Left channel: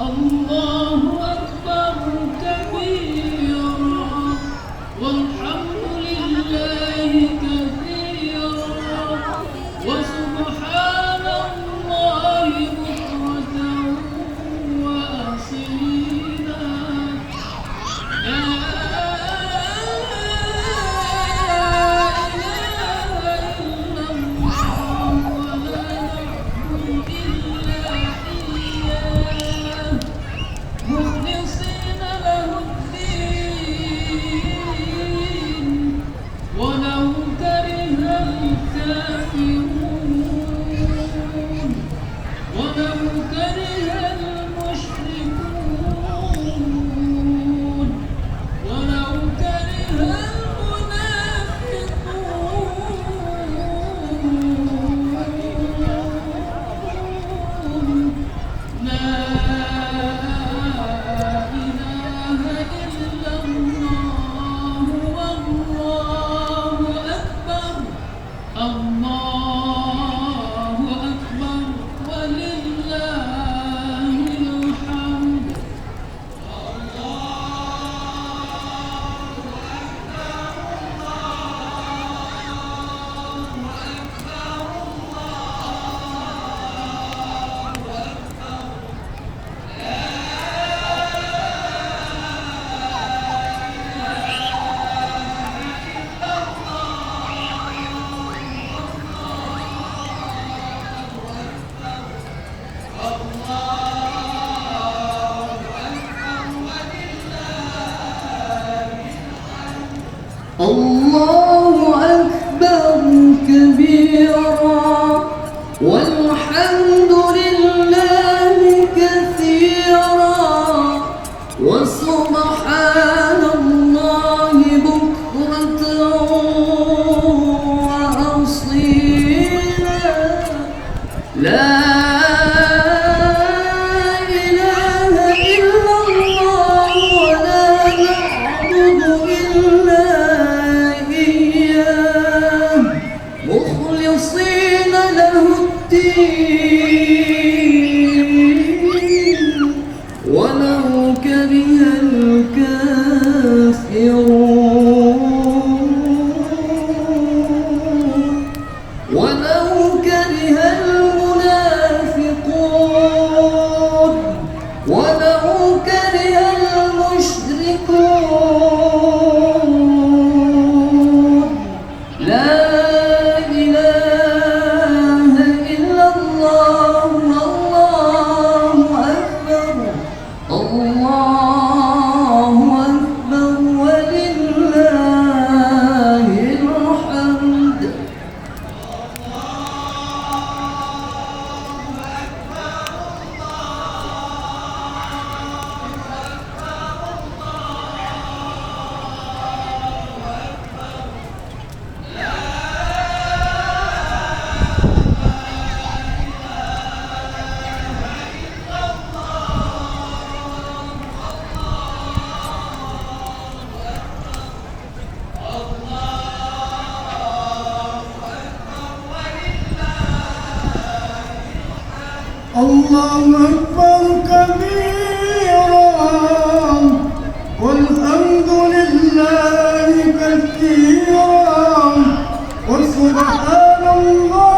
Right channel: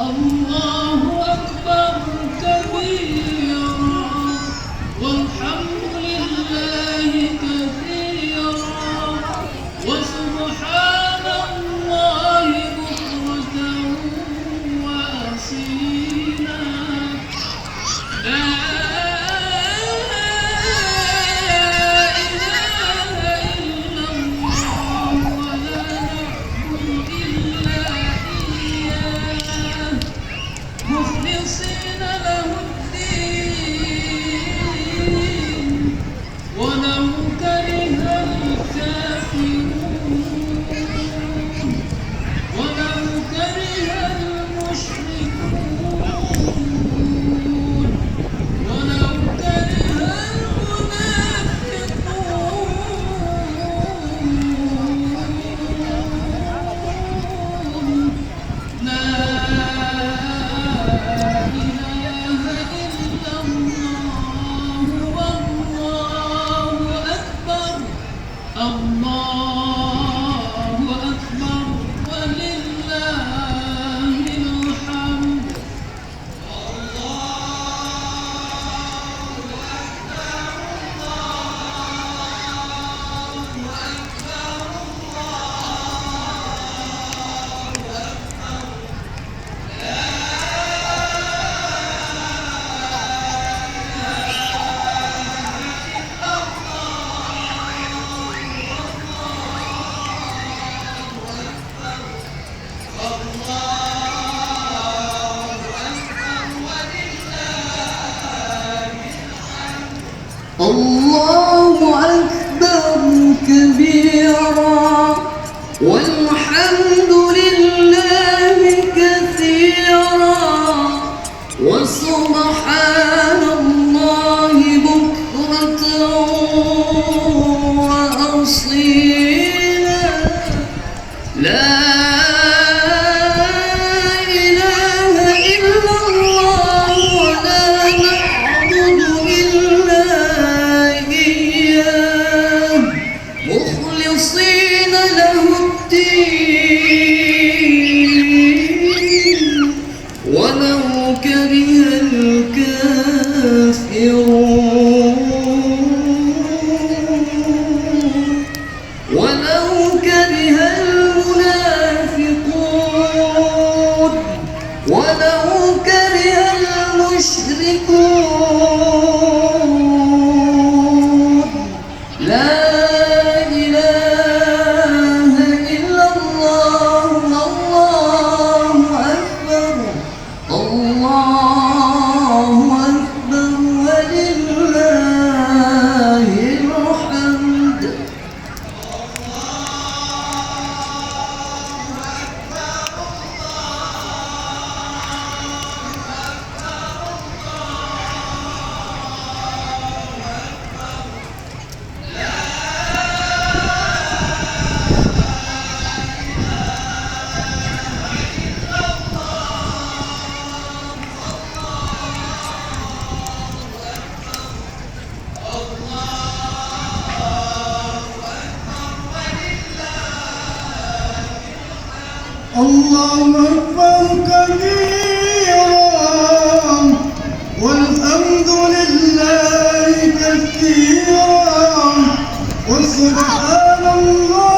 الله أكبر كبيرا والحمد لله كثيرا وسبحان الله بكرة وأصيلا لا إله إلا الله ولا نعبد إلا إياه مخلصين له الدين ولو كره الكافرون ولو كره المشركون ولو كره المنافقون لا الله أكبر ولله الحمد الله أكبر كبيرا والحمد لله كثيرا وسبحان الله بكرة وأصيلا لا إله إلا الله ولا نعبد إلا مخلصين له الدين ولو كره الكافرون ولو كره المنافقون ولو كره المشركون لا الله أكبر كبيرا والحمد لله كثيرا وسبحان الله